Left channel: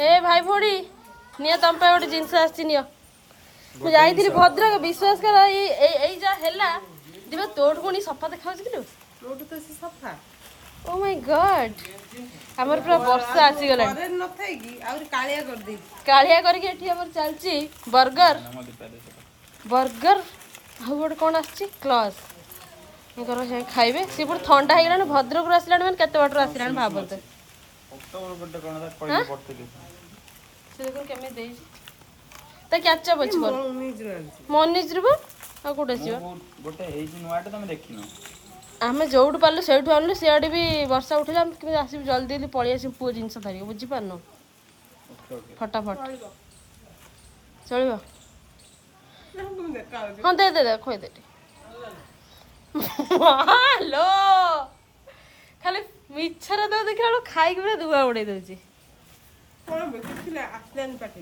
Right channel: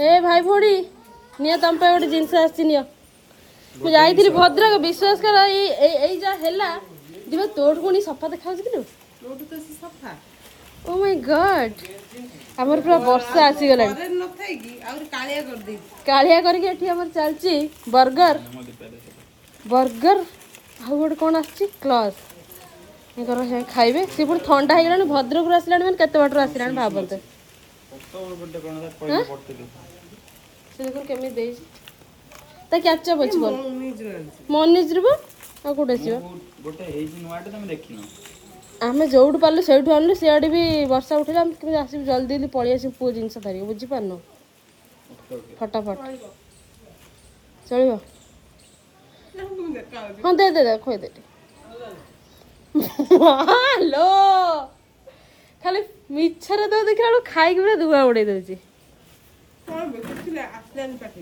ए भाई भोड़ी निया तम पे गोटे जिनस आसी नियो मु जाइथिली भद्रक विश्वास कर एई जा हैला दिबा तोड़ कोनी सफा देखाउ कि तू रोड तो से सफा ओ माय गॉड हमर पूरा वर्षा आसी गला करे न थाई की और कालिया कर दे कालिया करके एठी हमर चलची बर्गर बर्गर आउ गोटे कौन आसी क्लॉस ये खाइबे सी पुर ठंडा हो गलान भद्रक रु आसिलान माने केते बाटर आसिलान भाबत अक्टोबर बड्डे कोन कहले पड़तली से देखो केमे दे ता कैचा बच गल निज मनिज रे आ कोडे छियो गोटे हेजी नुआटे तमे देखिनो आमे जोउड पालु सेठु आनलु सेआडी भी वर्षा उठिला हम कि आसी जल्दी जल्दी पळी आसी पो जिंस धरि बुझी पारनो फटाफट चलिबो हां दे दे खोइ दे हेलो खाली मिछरा तो देखला खाइ के दुआ उड़ै दउची कोन बकिला आसलान पाटी